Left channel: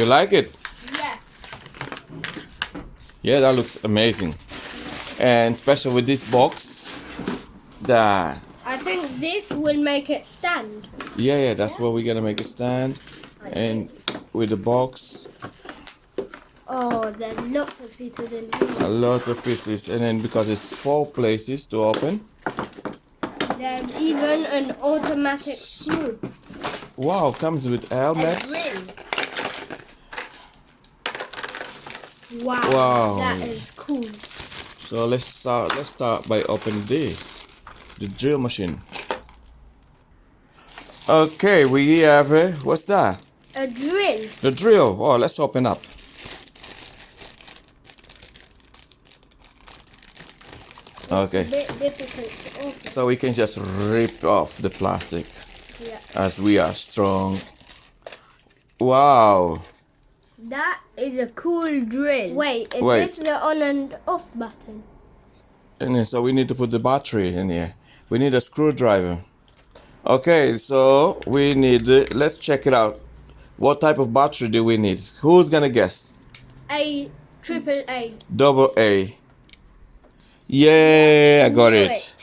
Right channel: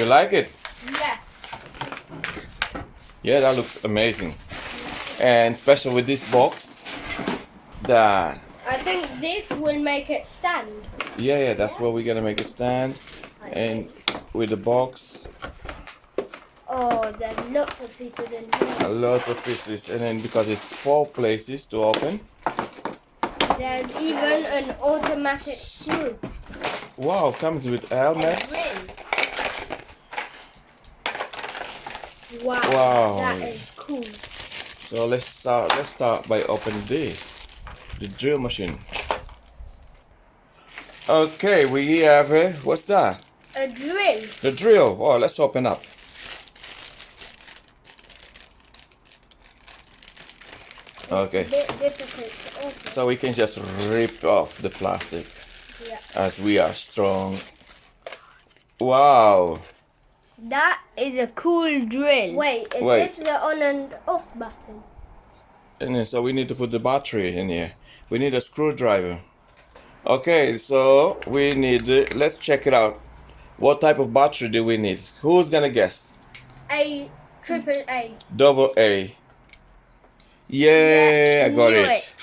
You like it? Yes. Yeah, that looks amazing. And special with this box, I think this will make it stand. yeah, that's where we're gonna make a stand. And with the box, Oh, there's lots of pieces in here. a lot of pieces. And then because it's 4 places to open. There's even an automatic screw. Wow, comes with helmets. Wow, that is cool. So let's start by opening this, the drill machine. Okay, we have what's that? A drill. The drill. Oh, let's open up. Okay. It's a bit difficult to open. So we can just rip off the plastic Yeah. as we are strong. Wow. That is a cool drill. Wait, is Wait. this the on and off button? And then, so we need to put the battery in here. We need a screwdriver. Okay, so we need, let's check it out. What type of battery do we need? Who's gonna guess? Triple A. Double A. Yeah, I got Knew it.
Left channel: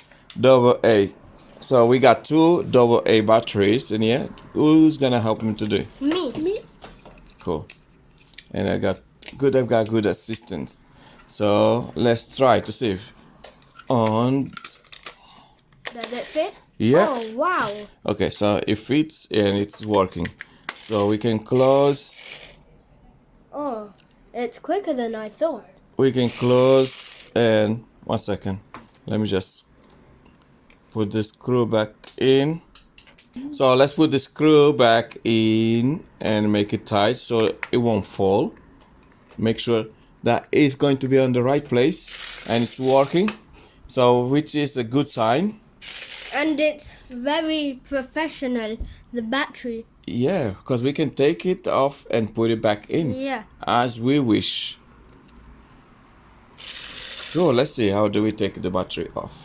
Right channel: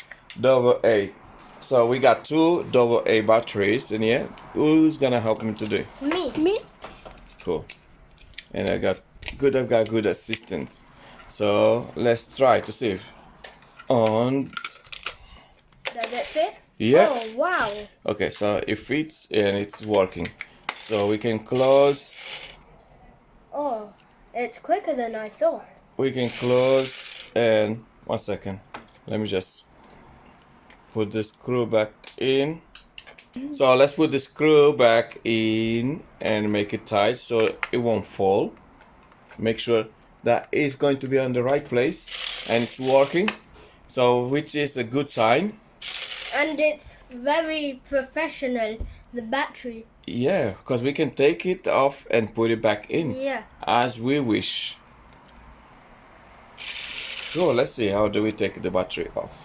Double A. So we got 2 double A batteries in here. Who's gonna help me today? Me. Cool. And I've got good assistance. So let's try to see. On. Does it fit? Yeah. Oh, wow. Okay, so it fits and it's working. So we can close. Oh, it's quicker than I thought. We can close and 1 second. Let me just put the screw back in. So let's put the screw back in and make it tight so it won't fall. Make sure that it's going to be on the right place and it's working. So which is a good sign. And it's very professional, the battery. Yeah, because we can take it off and put it back in as we wish. So let's see, how do we take the battery off?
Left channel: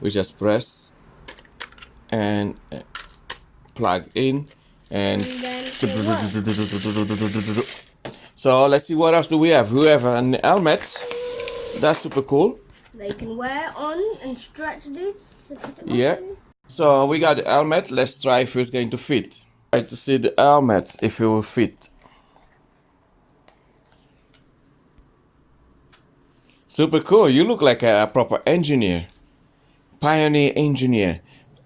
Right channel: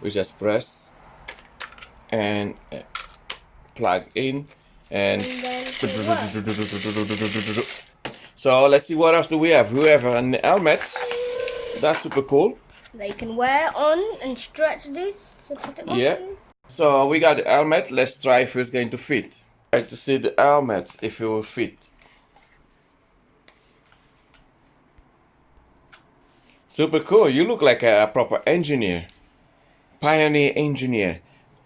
We just press and plug in and so let's see what else do we have. We have an helmet. That's super cool. They can wear on and stretch this. To put it on. Yeah. So we got the helmet. Let's try if it's going to fit. Try to see the helmet if it will fit. Super cool. You look like a proper engineer. Pioneer engineer.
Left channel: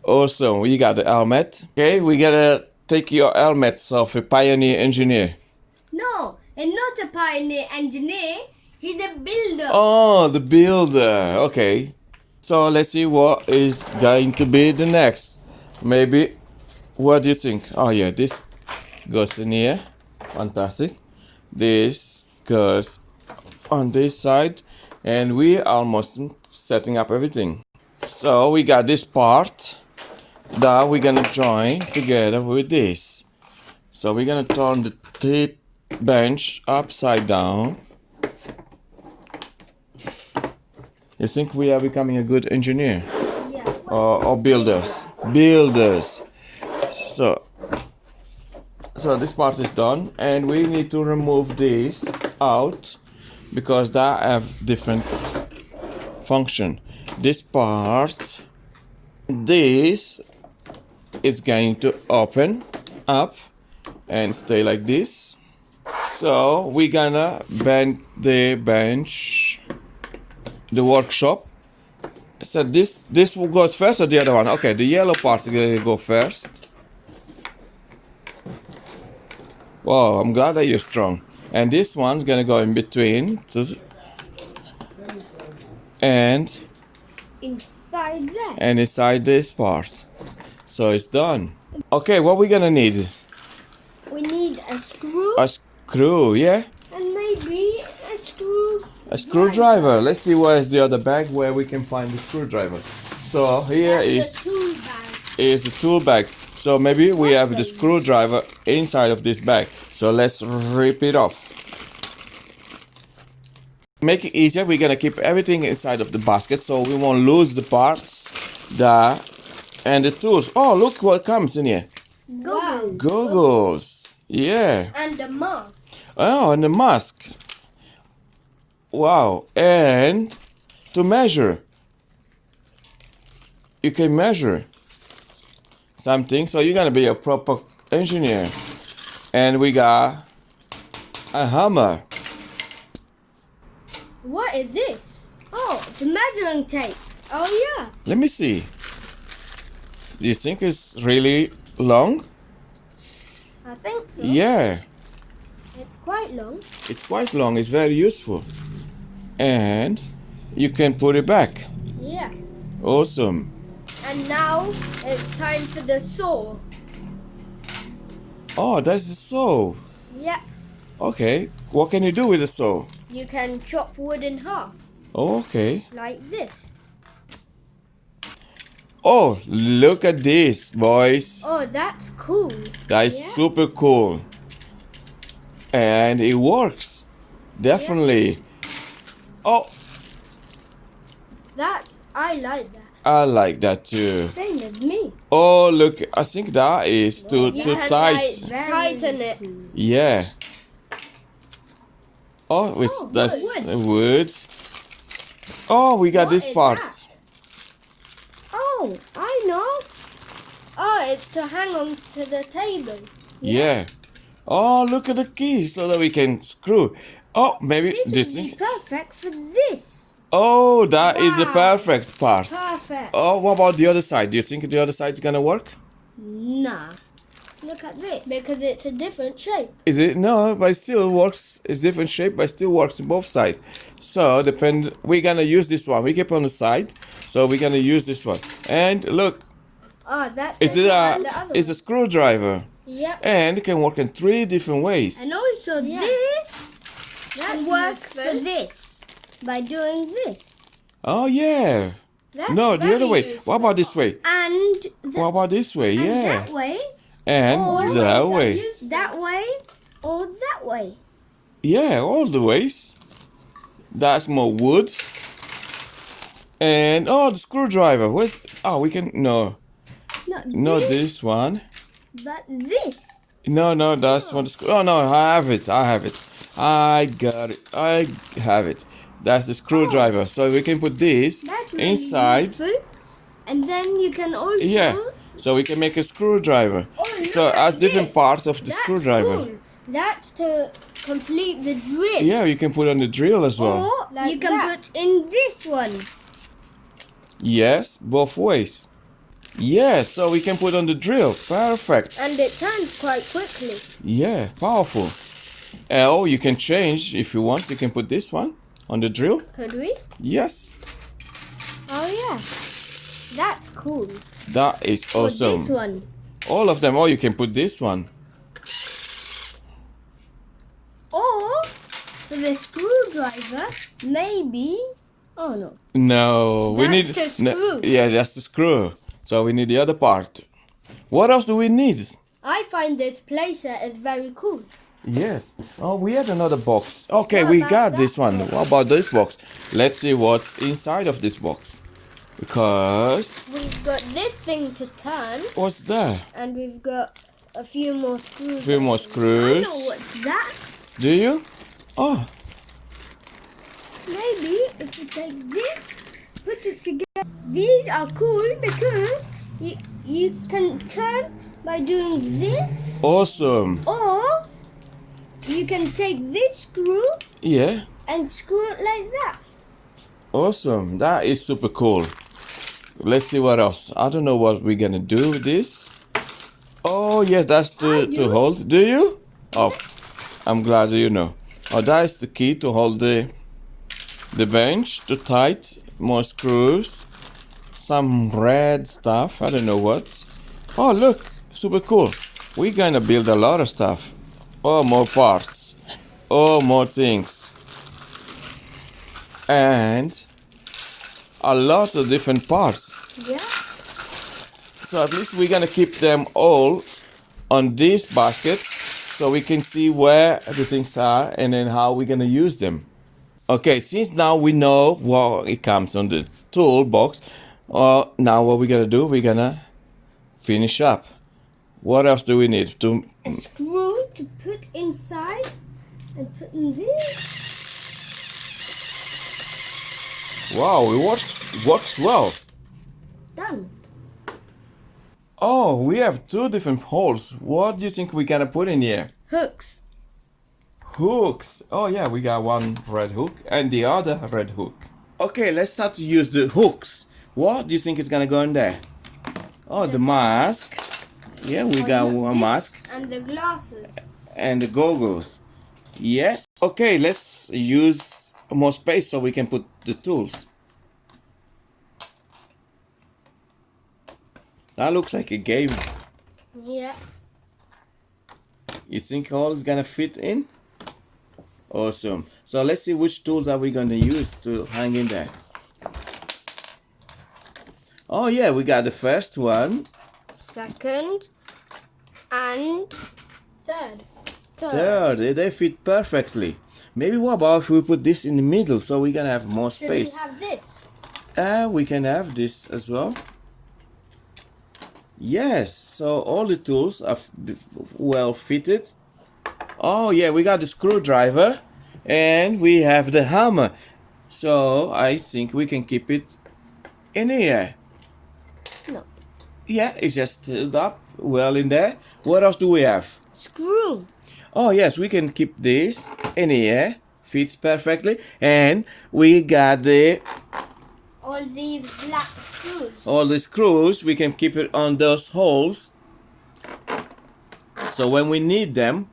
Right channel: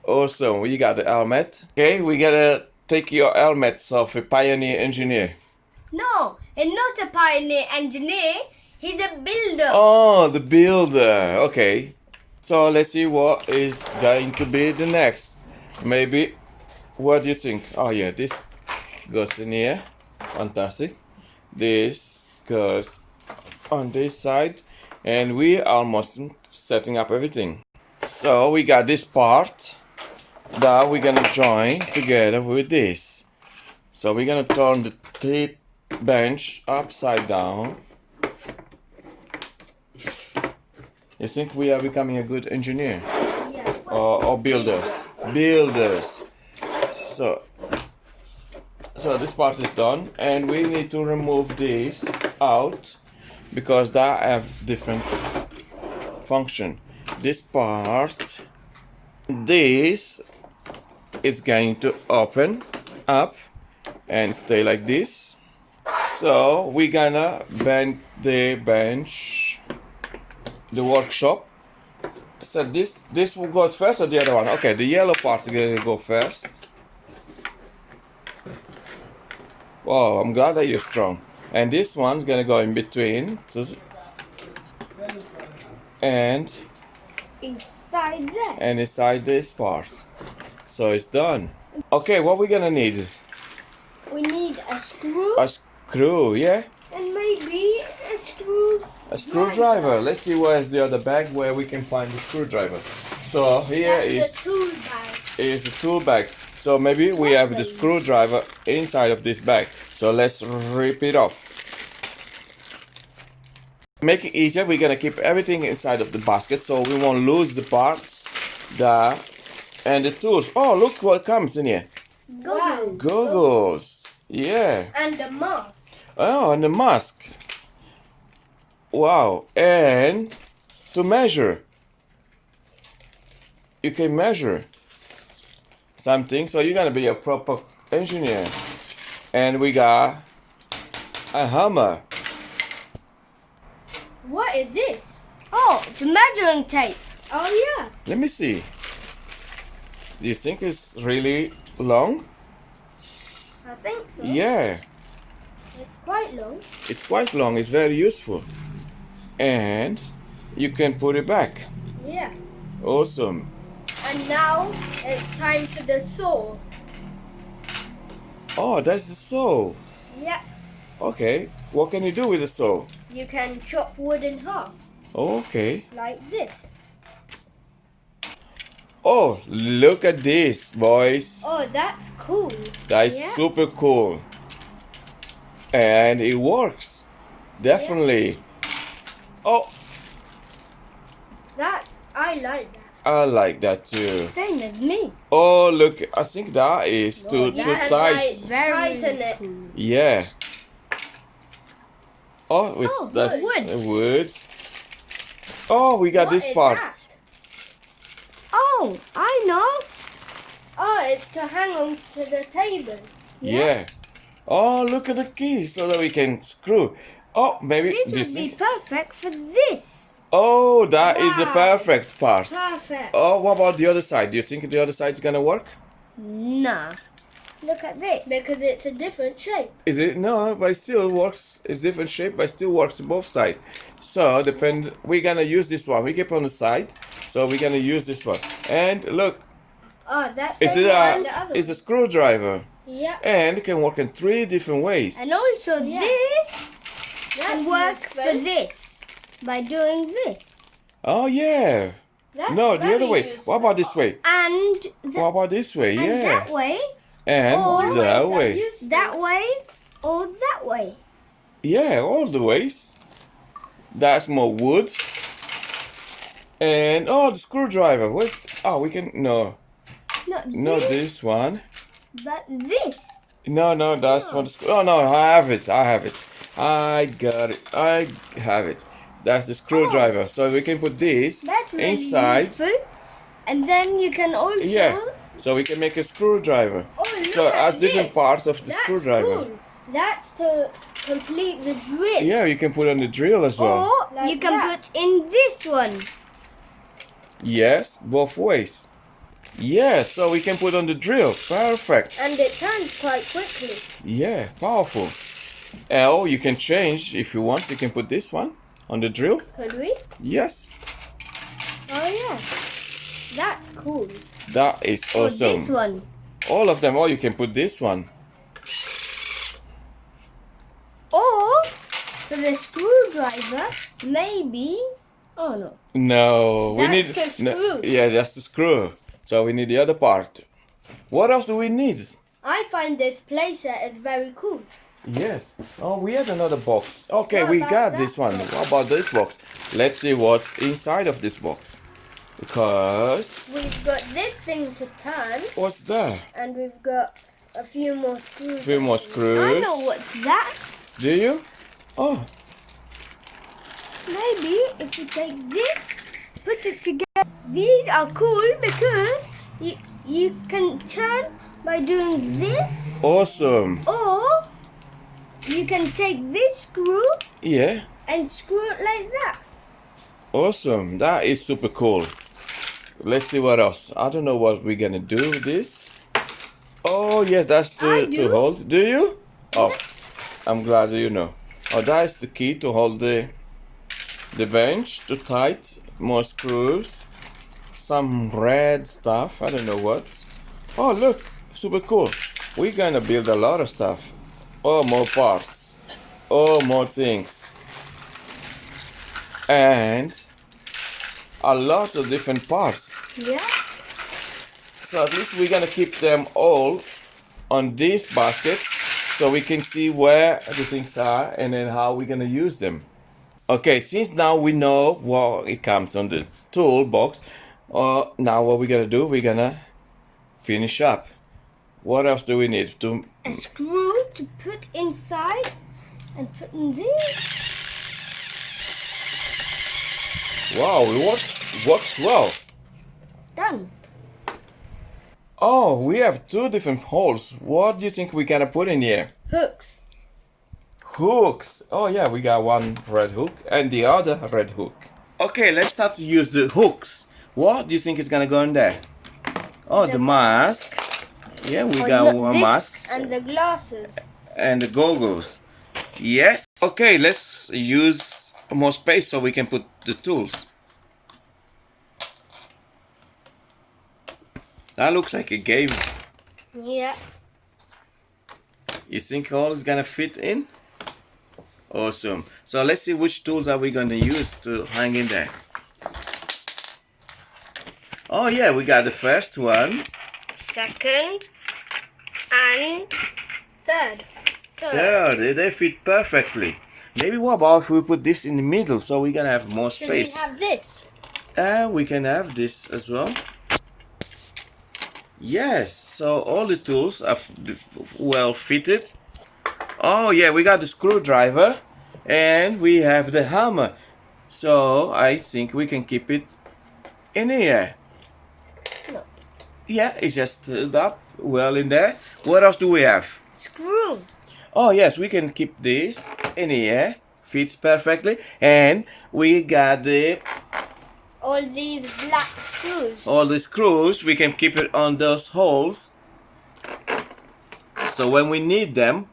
Awesome. We got the helmet. Okay, we gotta take your helmets off a pioneer engineer. No, and not a pioneer engineer. He's a builder. Oh, the builder. Okay. So let's see what is going to be the next. Maybe. What do you think? Oh yeah, this goes in here. Fantastic. This goes on this side. And we are almost setting up everything. So we got this part that we're gonna join together with this. So we're gonna turn the bench upside down. You think we are becoming a good engineer? Yeah. Or builders? Builders. So this part is done and we need to remove this out because that have different function. This part, this is going to open up and stay like this. So we're gonna bend the bench, the workshop. So this will go first or the other one? Okay, the yellow part is gonna go first. Wow, I'm glad that you're strong. And this one's gonna go in between and Inside there. and inside this part. So it's done. Okay, what we gonna need? We need a screw. A screw, yeah? And maybe a screw. A screwdriver. Let's see where's the other bag where we can find the screwdriver. So here That's the tool bag. is the tool bag. So maybe we have the screwdriver inside of this bag. So let's rip it off. Make it easier, we're gonna keep everything inside of the basket so we won't lose the parts and the tools. Oh, look what comes in here. Wow. Goggles. Yeah. And a mask. Oh, and the mask. Wow. And to measure. You can measure something. So you're going to be a proper engineer. And we got a hammer. What is this? Oh, it's a measuring tape. Oh, yeah. Let me see. Do you think it's really long? I think so. Yeah. It's quite long. It's quite long. It's very useful. And you can put it back. Yeah. Awesome. And now it's time for the saw. Oh, that's the saw. Yeah. Okay. What can you do with the saw? You can chop wood in half. Oh, okay. Like this. Oh, look at this, boys. Oh, that's cool. That is Yeah. super cool. And it works. Definitely. Oh, I like that. I like that too. Same as me. Oh, look. I think that is too tight. Tighten it. Yeah. Oh, that's wood. Oh, we got this part. That? Oh, I know. Oh, it's to hang on to the table. Yeah. Oh, look at the key so that we can screw. Oh, maybe This would be perfect for this. Oh, that is the Wow. perfect part. Perfect. Oh, what about the other side? Do you think the other side is gonna work? No. Look at this. Because it's a different shape. Is it? No, but it still works. It's different shape, but it still works both sides. So we're gonna use this one. We keep on the side, so we're gonna use this one. And look, Oh, that's it's the other it's a screwdriver, Yeah. and it can work in 3 different ways. And also this can work for this by doing this. Oh yeah. No, the other way. What about this way? And What about this way? and Yeah. that way, And Or that way. that way, or that way. Yeah, all the ways. That's more wood. And the screwdriver. We can Not this one. but this. No, that's what oh no, I have it. I got it. I have it. That's the screwdriver. So we can put this That's really inside. useful. And then you can also Yeah. So we can make a screwdriver. So look as at different this. parts of the screwdriver. Cool. That's to complete the drill. Yeah, you can put on the drill as well. Or you can put in this one. Yes, both ways. Yes, so we can put on the drill. Perfect. And it turns quite quickly. Yeah, powerful. Or you can change if you want. You can put this one on the drill. Could we? Yes, Oh yeah. That's cool. that is Or awesome. this one. All of them. Or you can put this one. Or for the screwdriver, maybe. Oh no. No, we That's need. the screw. Yeah, that's the screw. So we need the other part. What else do we need? I find this playset is very cool. Yes. Oh, we had another box. Okay, What we about got this that one. What about this box? Let's see what's inside of this box. Because We've got this thing to turn, what's there? and we've got a few more screws. A few more I screws. know what's that. Do you? Oh, Maybe if you take this, put it together. These are cool because you can turn by doing this, awesome. or you can take this screw Yeah, and screw it like that. awesome. That is super cool. Let's see what else. I don't know what we're gonna do with this. Oh, yes, that's to hold. Do you? Oh, I'm glad you know. Oh, that is the key to hold the bench to tight. More screws. Some red stuff. I don't know what. Oh, look. Super cool. We're gonna build a lot of stuff. Oh, more parts. Oh, more things. And a lot of different parts. Yeah. So at least we're gonna keep them all on these baskets so we can see where the things are and then how we're gonna use them. Okay, since now we know what it comes on the toolbox, now what we're gonna do, we're gonna finish up. What else do we need? A screw to put inside and put in this. Wow, it works well. Done. Oh, we have two different holes. What do you think we're gonna put in here? Hooks. Hooks. Oh yeah, we got one red hook and the other red hook. Okay, let's start to use the hooks. What do you think is gonna go in there? Oh, the mask. Yeah, we got one mask. And the glasses. And the goggles. Yes. Okay, let's use more space so we can put the tools. That looks like a game. Yeah. You think all is gonna fit in? Awesome. So let's see which tools are we gonna use to hang in there. Oh yeah, we got the first one. Second. And third. Third, they fit perfectly. Maybe what about if we put this in the middle so we're gonna have more Should space? we have this? And we can have this as well. Yes, so all the tools are well fitted. Oh yeah, we got the screwdriver and we have the hammer. So I think we can keep it in here. No. Yeah, it's just stood up well in there. What else do we have? Screw. Oh yes, we can keep this in here. Fits perfectly. And we got All these black screws. all the screws. We can keep it on those holes. So when we need them,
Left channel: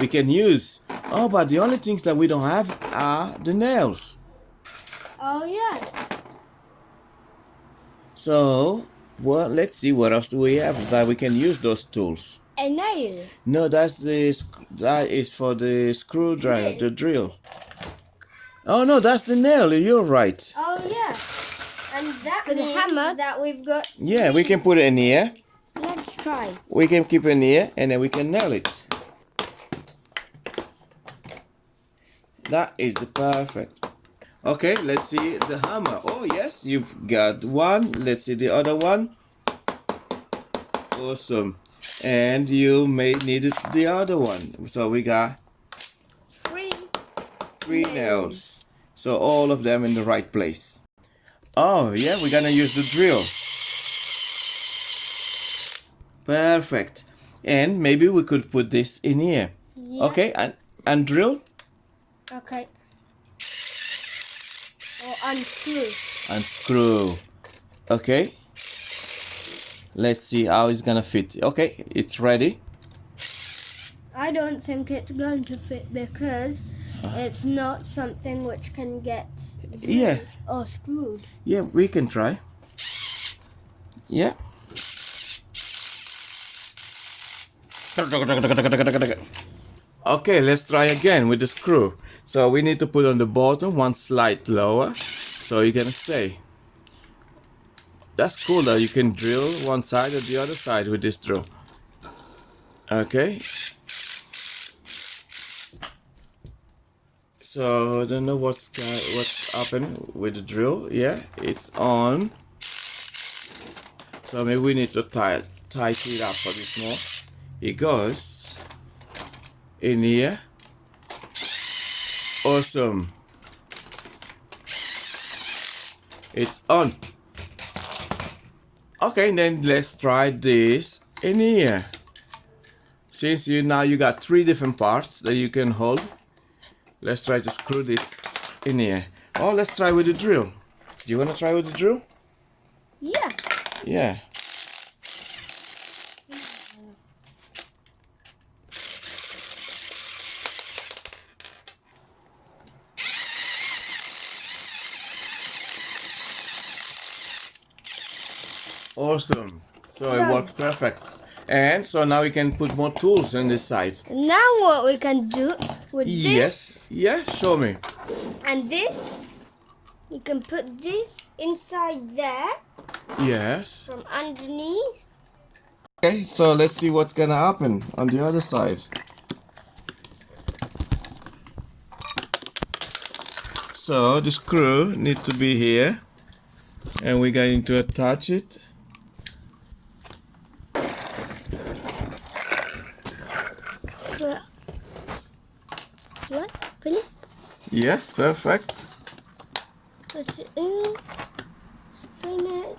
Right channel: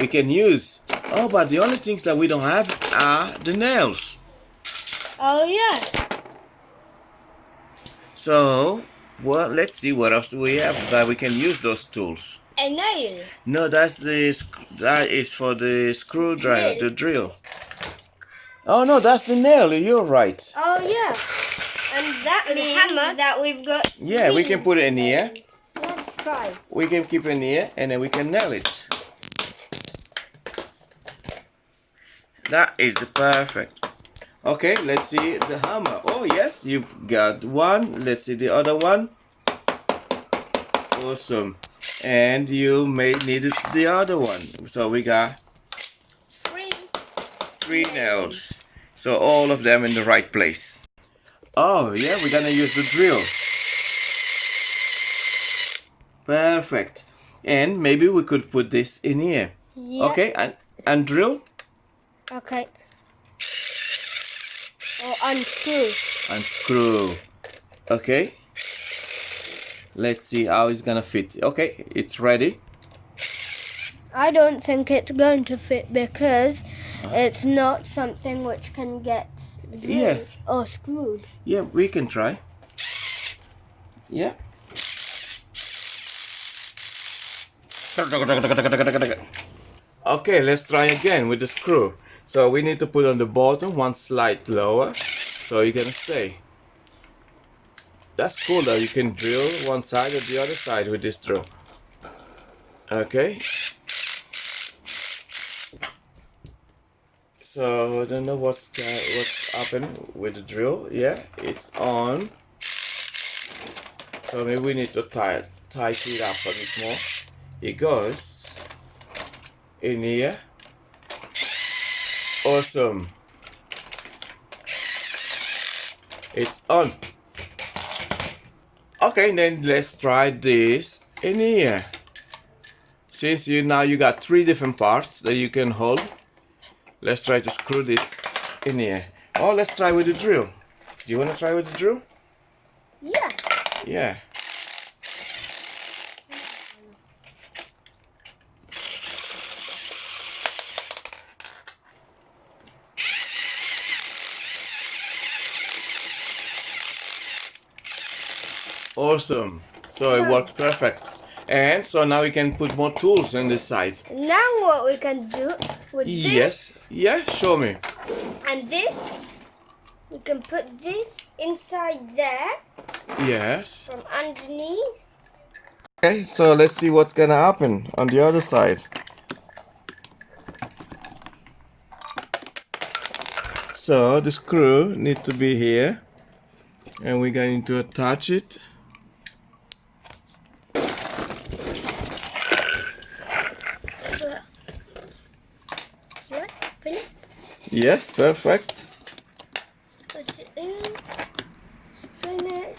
we can use. Oh, but the only things that we don't have are the nails. Oh yeah. So, well, let's see what else do we have that we can use those tools. A nail. No, that is for the screwdriver, the drill. Oh no, that's the nail. You're right. Oh yeah. And that means hammer that we've got. Yeah, we can put it in here. Let's try. We can keep it in here, and then we can nail it. That is perfect. Okay, let's see the hammer. Oh yes, you got one. Let's see the other one. Awesome. And you may need the other one. So we got three nails. So all of them in the right place. Oh yeah, we're gonna use the drill. Perfect. And maybe we could put this in here. Yeah. Okay, and drill. Okay. Or unscrew. Unscrew. Okay. Let's see how it's gonna fit. Okay, it's ready. I don't think it's going to fit because it's not something which can get Yeah. or screwed. Yeah, we can try. Yeah. Okay, let's try again with the screw. So we need to put on the bottom one slide lower so you can stay. That's cool though, you can drill one side or the other side with this drill. Okay. So I don't know what's happening with the drill. Yeah, it's on. So maybe we need to tighten it up a bit more. It goes in here. Awesome. It's on. Okay, then let's try this in here. Since now you got three different parts that you can hold, let's try to screw this in here. Oh, let's try with the drill. Do you want to try with the drill? Yeah. Yeah. Awesome. So it works perfect. And so now we can put more tools on this side. Now what we can do with Yes. Yeah, show me. and this, we can put this inside there Yes. from underneath. Okay, so let's see what's gonna happen on the other side. So the screw needs to be here, and we're going to attach it. But Yes, perfect. Put it in. Spin it.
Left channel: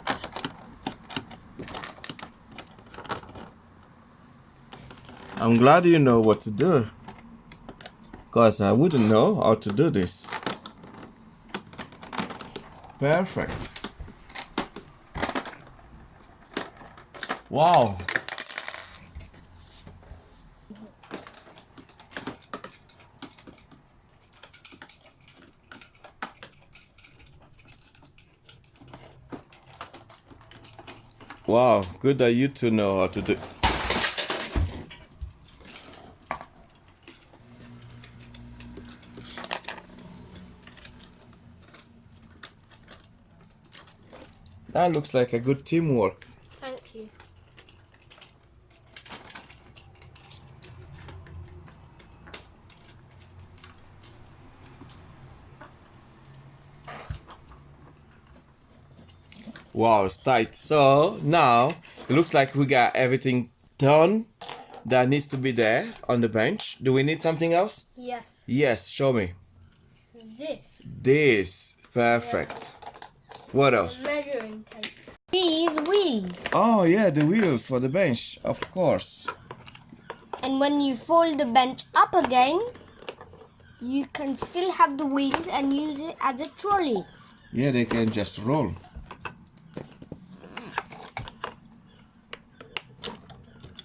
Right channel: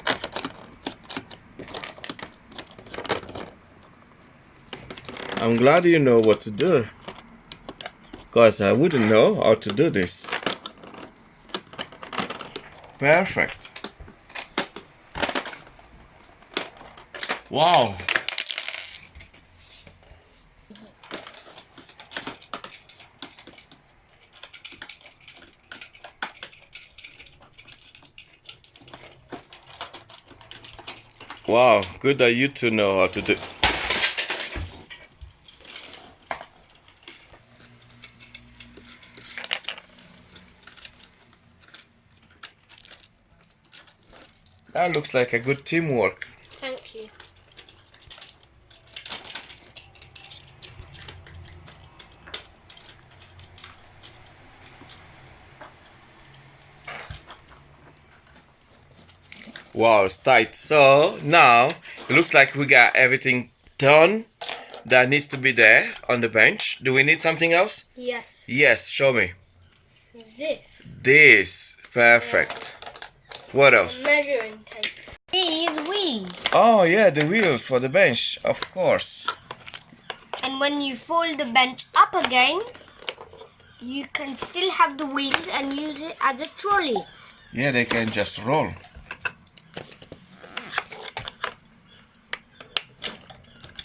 I'm glad you know what to do, because I wouldn't know how to do this. Perfect. Wow. Wow, good that you two know how to do. That looks like a good teamwork. Thank you. Wow, it's tight. So now it looks like we got everything done that needs to be there on the bench. Do we need something else? Yes. Yes, show me. This. This. Perfect. What else? Measuring tape. These wheels. Oh yeah, the wheels for the bench, of course. And when you fold the bench up again, you can still have the wheels and use it as a trolley. Yeah, they can just roll.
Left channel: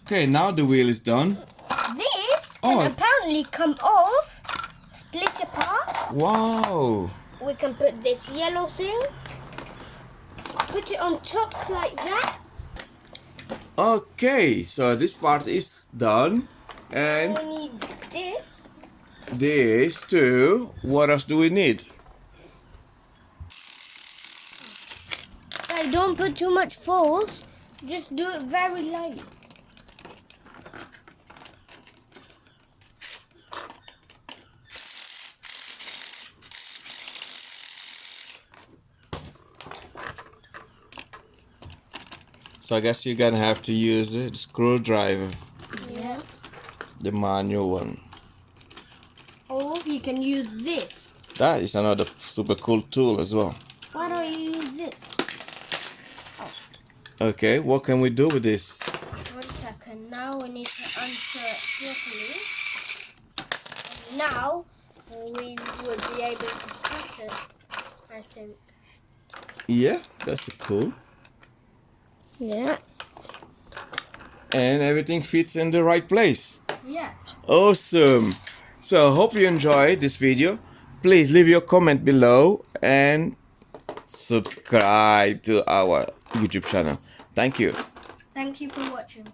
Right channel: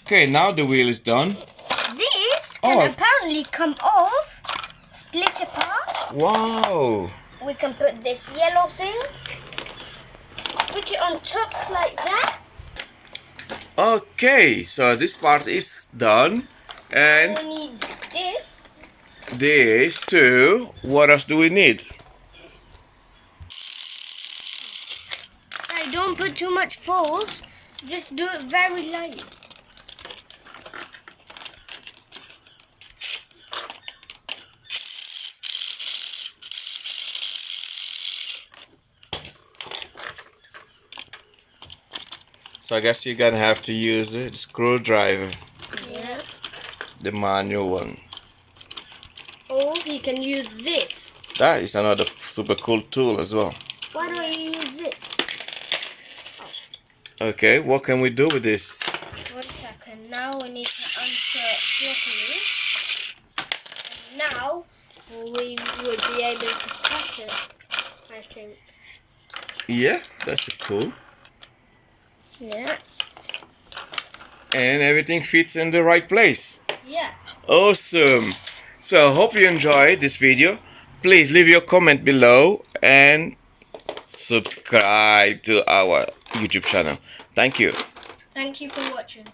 Okay, now the wheel is done. This can apparently come off, split apart. Wow. We can put this yellow thing, put it on top like that. Okay, so this part is done. And We need this. this too. What else do we need? I don't put too much force, just do it very lightly. So I guess you're gonna have to use the screwdriver, Yeah. the manual one. Or you can use this. That is another super cool tool as well. Why do I use this? Okay, what can we do with this? 1 second. Now we need to unsert properly. And now we would be able to cut it, I think. Yeah, that's cool. Yeah. And everything fits in the right place. Yeah. Awesome. So I hope you enjoyed this video. Please leave your comment below and subscribe to our YouTube channel. Thank you. Thank you for watching.